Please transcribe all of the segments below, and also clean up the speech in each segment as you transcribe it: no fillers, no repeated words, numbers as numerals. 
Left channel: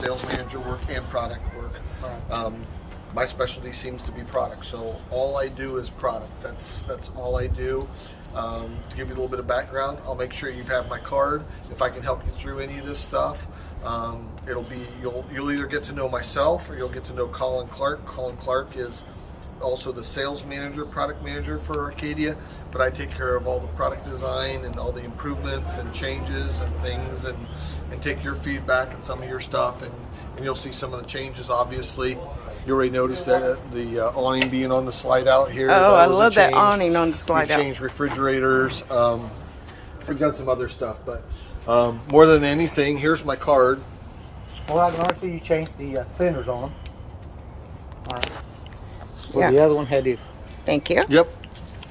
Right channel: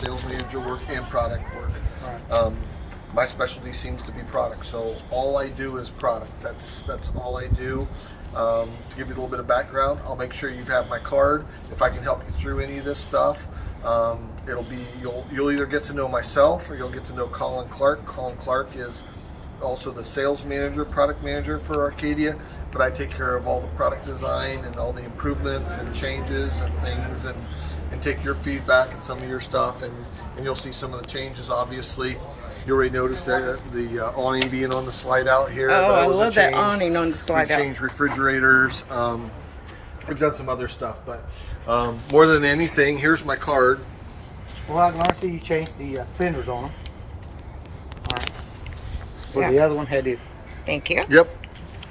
sales manager work and product work. Right. My specialty seems to be product, so all I do is product. That's all I do. To give you a little bit of background, I'll make sure you have my card. If I can help you through any of this stuff, you'll either get to know myself or you'll get to know Colin Clark. Colin Clark is also the sales manager, product manager for Arcadia, but I take care of all the product design and all the improvements and changes and things, and take your feedback and some of your stuff, and you'll see some of the changes. Obviously, you already noticed that the awning being on the slide out here. Oh, I love that awning on the slide out. We've changed refrigerators. We've done some other stuff, but more than anything, here's my card. Well, I can see you changed the fenders on them. Yeah. The other one had it. Thank you. Yep.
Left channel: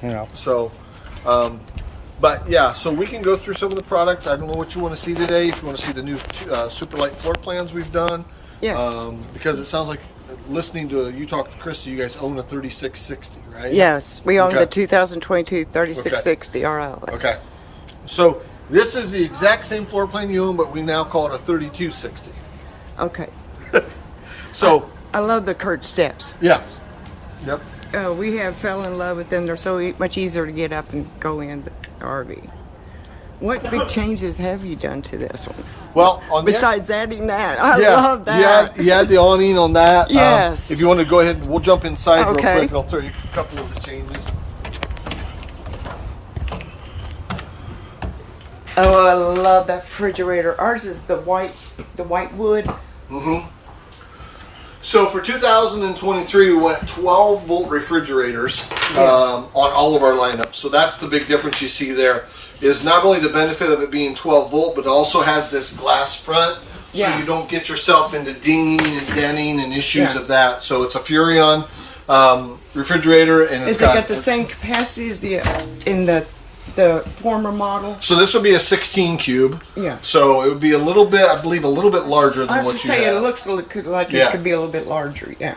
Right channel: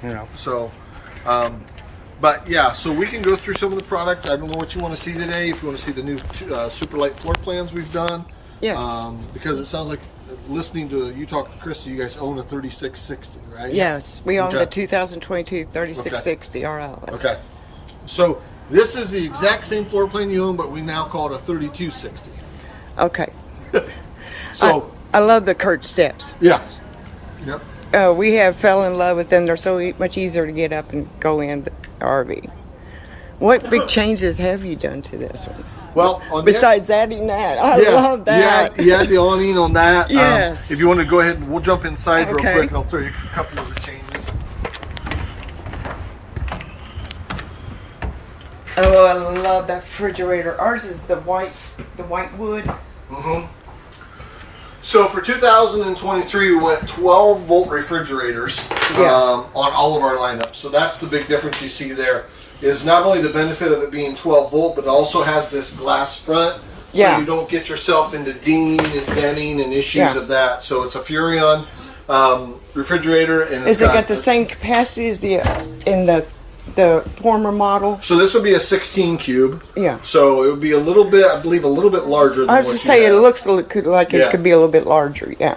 Yeah. So, but yeah, so we can go through some of the product. I don't know what you want to see today. If you want to see the new super light floor plans we've done. Yes. Because it sounds like, listening to you talk to Krista, you guys own a 3660, right? Yes, we own Okay. the 2022 3660 RL. Okay. So this is the exact same floor plan you own, but we now call it a 3260. Okay. So I love the curved steps. yeah. Yep. We have fell in love with them. They're so much easier to get up and go in the RV. What big changes have you done to this one? Well, on Besides adding that, I yeah, love that. You had the awning on that. Yes. If you want to go ahead, we'll jump inside real Okay. quick, and I'll throw you a couple of the changes. Oh, I love that refrigerator. Ours is the white wood. Mm-hmm. So for 2023, we went 12-volt refrigerators on all of our lineups. So that's the big difference you see there. Is not only the benefit of it being 12-volt, but it also has this glass front, so you don't get yourself into dinging and denting and issues of that. So it's a Furrion refrigerator, and Is it got the same capacity as the in the former model? So this would be a 16 cube. Yeah. So it would be a little bit, I believe, a little bit larger than I was what just you saying, have. it looks like it could be a little bit larger. Yeah.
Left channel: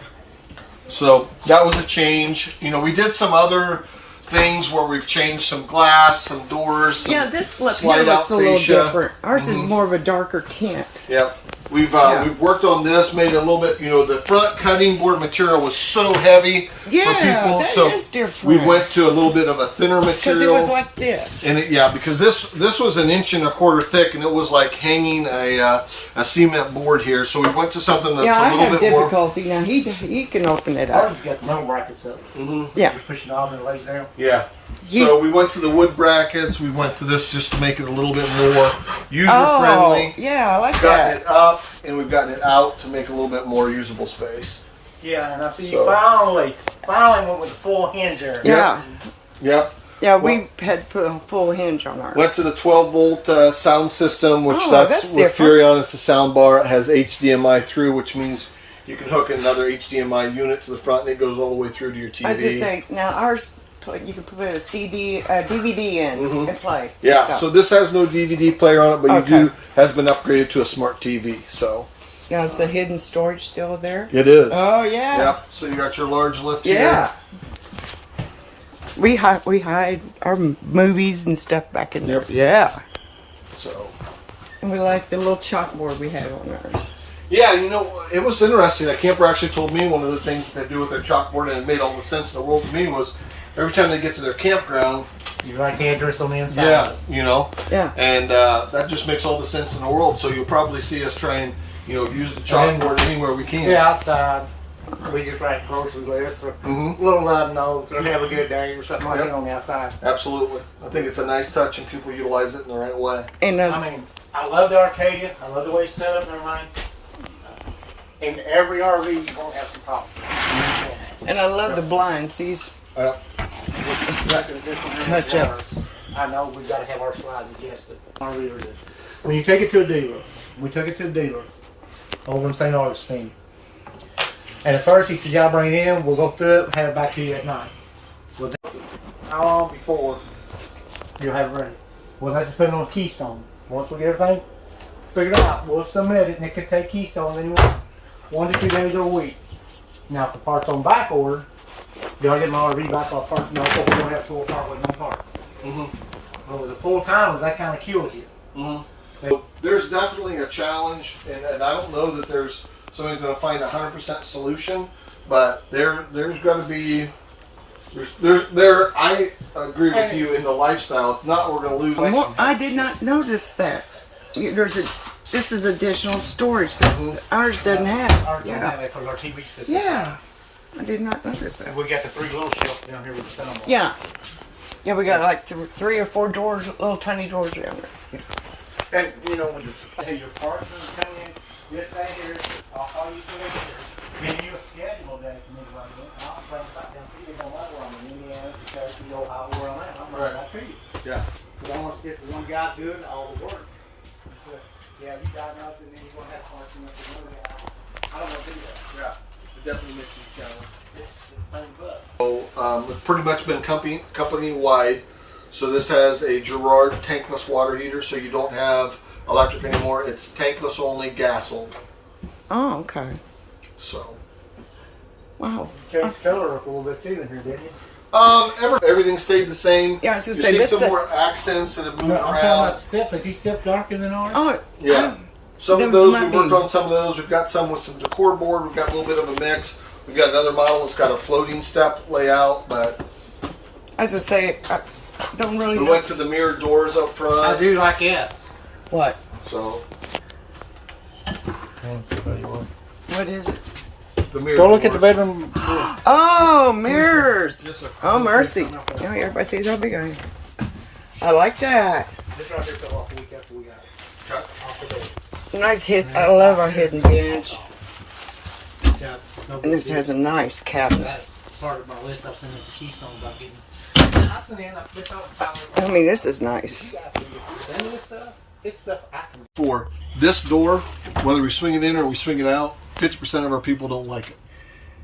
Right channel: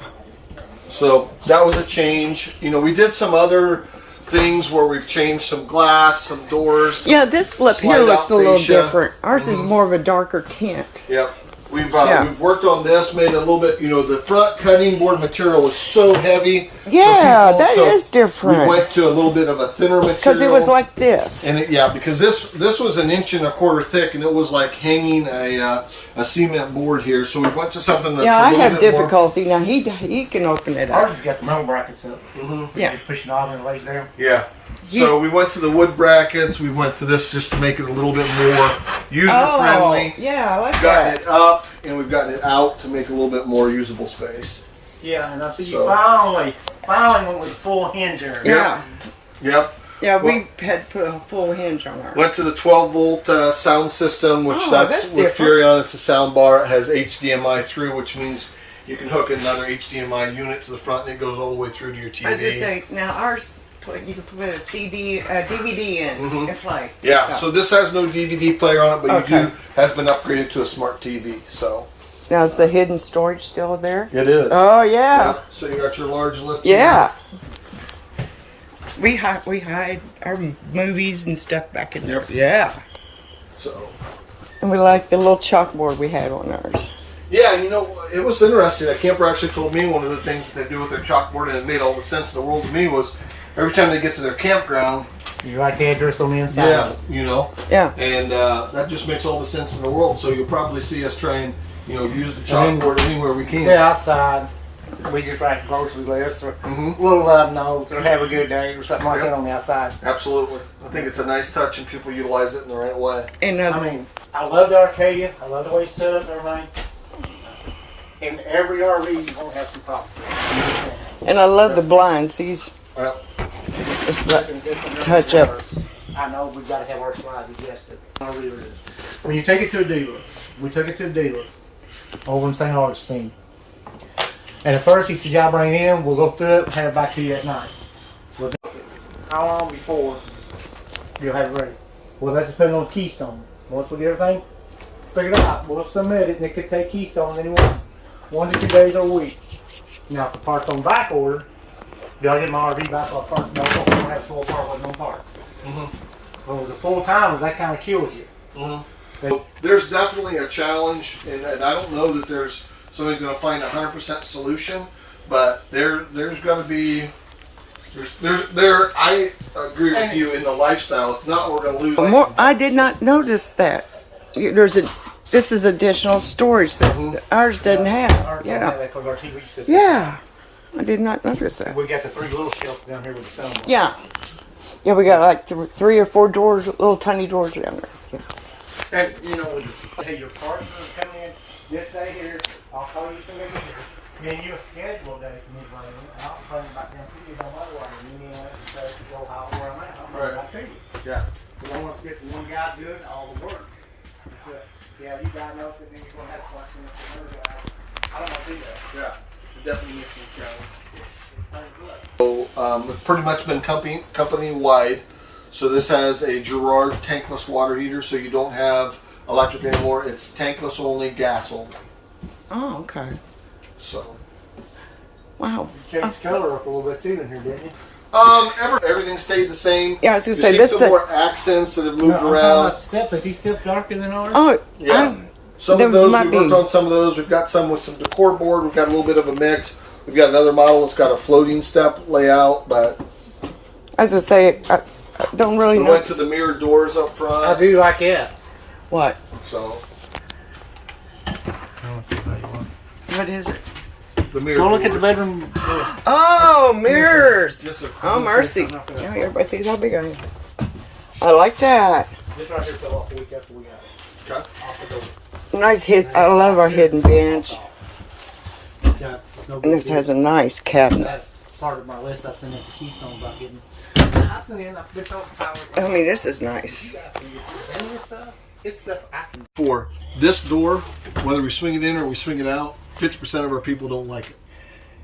So that was a change. You know, we did some other things where we've changed some glass, some doors. Yeah, this looks slide looks a out little fascia. different. Ours is more of a darker tint. Yep. We've worked on this, made it a little bit, you know, the front cutting board material was so heavy. Yeah, for people, that is different. We went to a little bit of a thinner material. Because it was like this. And because this was 1.25 inches thick, and it was like hanging a cement board here. So we went to something that's Yeah, a I little have bit difficulty. Now, he can open it Ours up. has got the metal brackets up. Yeah. You push it off and it lays down. Yeah. So we went to the wood brackets. We went to this just to make it a little bit more user-friendly. Oh, yeah, I like Gotten that. it up, and we've gotten it out to make a little bit more usable space. Yeah, and I see So- you finally went with full hinge there. Yeah. Yep. Yeah, we had put a full hinge on ours. Went to the 12-volt sound system, which that's with different. Furrion. It's a sound bar. It has HDMI through, which means you can hook another HDMI unit to the front, and it goes all the way through to your TV. I was just saying, now ours, you can put a DVD in and play. Yeah, stuff. so this has no DVD player on it, but has been upgraded to a smart TV. So Now, is the hidden storage still there? it is. Oh, yeah. Yep. So you got your large lift Yeah. here. We hide our movies and stuff back in there. Yep. Yeah. So And we like the little chalkboard we have on ours. yeah, you know, it was interesting. A camper actually told me one of the things that they do with their chalkboard, and it made all the sense in the world to me, was every time they get to their campground, You write the address on the inside. yeah, you know, Yeah. and that just makes all the sense in the world. So you'll probably see us try and, you know, use the chalkboard anywhere we can. Yeah, outside. We just write grocery list or Mhm. little love notes or have a good day or something like that on the outside. Absolutely. I think it's a nice touch, and people utilize it in the right way. And I mean, I love the Arcadia. I love the way it's set up and everything. In every RV, you won't have some problems. I love the blinds. These, Well, it's the touch up. I know we've got to have our slides adjusted. When you take it to a dealer, we took it to a dealer over in St. Augustine. And at first he says, y'all bring it in, we'll go through it and have it back to you at night. Well, how long before you'll have it ready? Well, that's depending on Keystone. Once we get everything figured out, we'll submit it, and it could take Keystone anywhere 1 to 2 days a week. Now, if the part's on back order, do I get my RV back off front? No, we don't have full part with no parts. Mhm. But with the full time, that kind of kills you. Mhm. There's definitely a challenge, and I don't know that somebody's going to find a 100% solution, but there's got to be. I agree with you in the lifestyle. If not, we're going to lose. I did not notice that. This is additional storage that ours doesn't have. Yeah. Because our TV system. Yeah. I did not notice that. We got the 3 little shelves down here with the soundbar. Yeah. Yeah, we got like 3 or 4 doors, little tiny doors down there. Yeah. And you know, when hey, your partner is coming in this day here, I'll call you so they get here. Give you a schedule day for me to run in. I'll bring back down to you. Don't matter when you need to go out where I'm at. I'll bring it back to you. Yeah. Because I want to stick with one guy doing all the work. Yeah, you got nothing, then you're going to have questions for no guy. I don't want to do that. Yeah. It definitely makes it a challenge. So it's pretty much been company wide. So this has a Girard tankless water heater, so you don't have electric anymore. It's tankless only, gas only. Oh, okay. So. Wow. You changed color up a little bit too in here, didn't you? Everything stayed the same. Yeah, I was gonna You say see this. some more accents that have moved I'm talking around. about steps. Are these steps darker than ours? Oh, Yeah. Some there of those, might we worked be. on some of those. We've got some with some decor board. We've got a little bit of a mix. We've got another model that's got a floating step layout, but I was gonna say, I don't really we know. went to the mirror doors up front. I do like that. What? So, What is it? the mirror Go doors. look at the bedroom. Oh, mirrors. Yes, sir. Oh, mercy. Yeah, everybody sees how big I am. I like that. This right here fell off the week after we got it. Okay. Off the door. Nice hit. I love our hidden bench. Got no And this big has a nice cabinet. That's part of my list. I sent it to Keystone about getting. I mean, this is nice. This stuff I can. For this door, whether we swing it in or we swing it out, 50% of our people don't like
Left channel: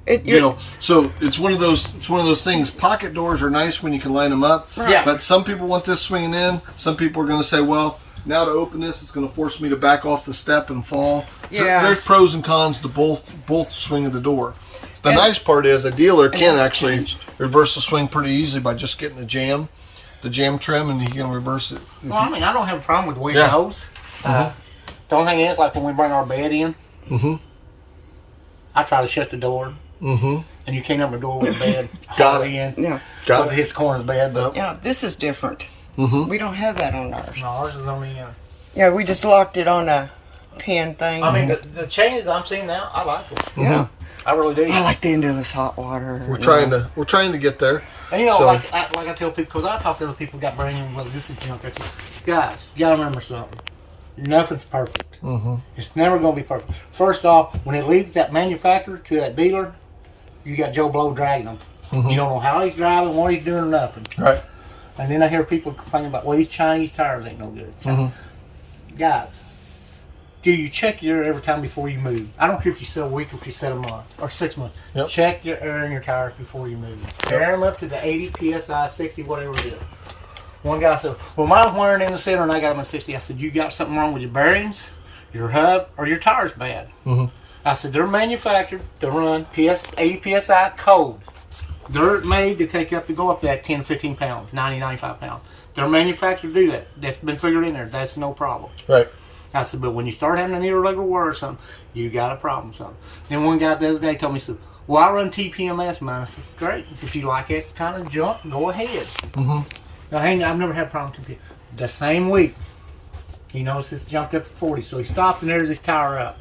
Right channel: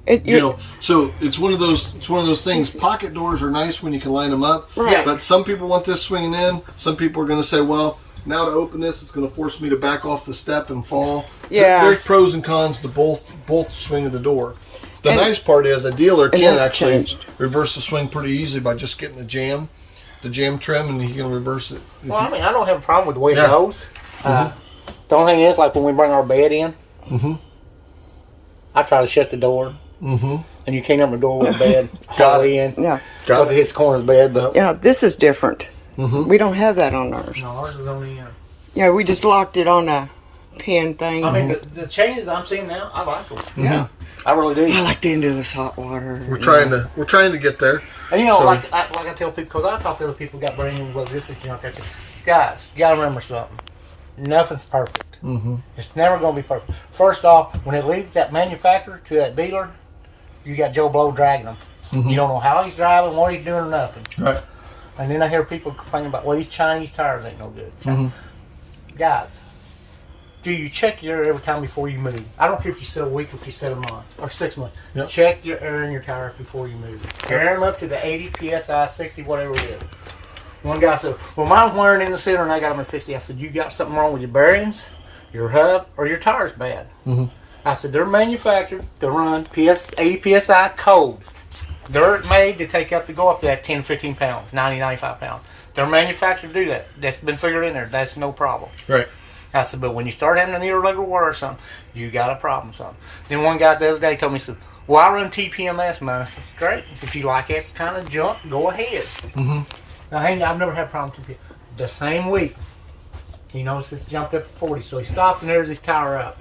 it. You know, so it's one of those things. Pocket doors are nice when you can line them up, Right. but some people want this swinging in. Some people are going to say, well, now to open this, it's going to force me to back off the step and fall. Yeah. So there's pros and cons to both swing of the door. The nice part is a dealer can it's actually changed. reverse the swing pretty easily by just getting the jam trim, and he can reverse it. If Well, you- I mean, I don't have a problem with the way Yeah. it goes. The only thing is, like when we bring our bed in, I try to shut the door, and you can't open the door with the bed Got halfway in Yeah. because it hits the corner of the bed. But Yeah, this is different. We don't have that on ours. no, ours is only. Yeah, we just locked it on a pin thing. I mean, the changes I'm seeing now, I like them. yeah. I really do. I like the endless hot water. We're trying to get there. And you know, So- like I tell people, because I talk to other people got bringing, well, this is junk. Guys, you gotta remember something. Nothing's perfect. It's never gonna be perfect. First off, when it leaves that manufacturer to that dealer, you got Joe Blow dragging them. You don't know how he's driving, what he's doing, or nothing. Right. And then I hear people complaining about, well, these Chinese tires ain't no good. So, guys, do you check your air every time before you move? I don't care if you set a week or if you set a month or 6 months. Yep. Check your air in your tires before you move. Air them up to the 80 psi, 60, whatever it is. One guy said, well, mine's wearing in the center and I got them at 60. I said, you got something wrong with your bearings, your hub, or your tires bad? I said, they're manufactured to run 80 psi cold. They're made to go up to that 10, 15 pounds, 90, 95 pounds. They're manufactured to do that. That's been figured in there. That's no problem. Right. I said, but when you start having an irregular wear or something, you got a problem, son. Then one guy the other day told me, he said, well, I run TPMS, man. I said, great. If you like that kind of junk, go ahead. Now, hey, I've never had a problem with TPMS. The same week, he noticed it's jumped up to 40, so he stops and there's his tire up.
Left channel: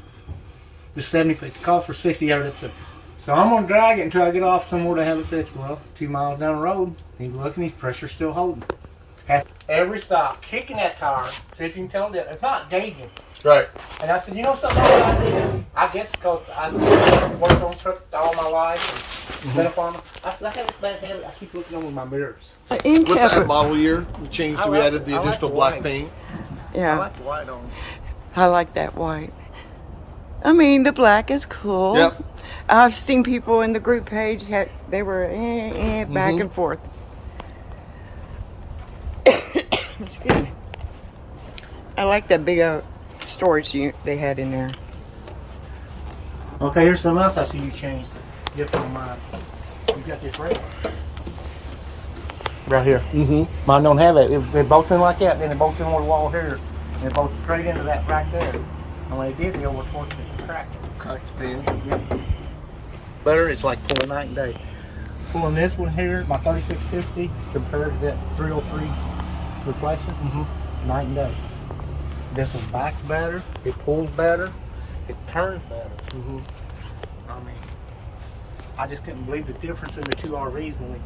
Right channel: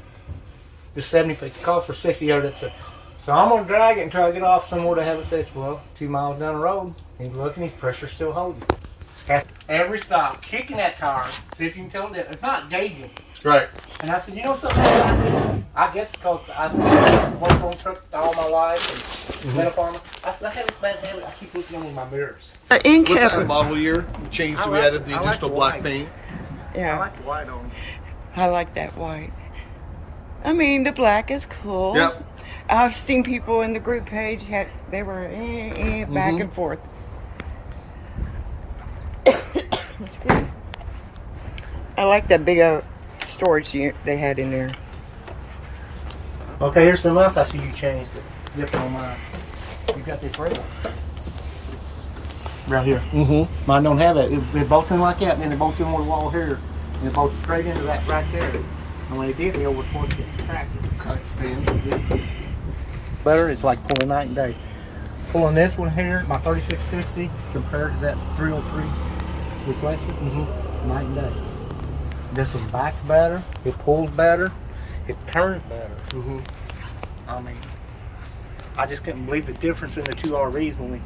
The 70 feet. It's called for 60 out of that. So I'm going to drag it until I get off somewhere to have it fixed. Well, 2 miles down the road, he's looking, his pressure's still holding. Every stop, kicking that tire, see if you can tell that it's not gauging. Right. And I said, you know something I did? I guess because I've worked on trucks all my life and been a farmer. I said, I have this bad habit. I keep looking in my mirrors. In With that cap. model year, we changed. We like- added the I like additional the black white. paint. Yeah, I like the white on. I like that white. I mean, the black is cool. Yep. I've seen people in the group page they were back and forth. Excuse me. I like that big storage unit they had in there. Okay, here's something else I see you changed. Different on mine. You got this rail. Right here. Mine don't have that. They bolts in like that, and then they bolts in one wall here. And it bolts straight into that right there. And when it did, the over torque just cracked it. Cracked the pan. Yep. Better, it's like pulling night and day. Pulling this one here, my 3660, compared to that 303 reflection, night and day. This one backs better, it pulls better, it turns better. I mean, I just couldn't believe the difference in the two RVs when we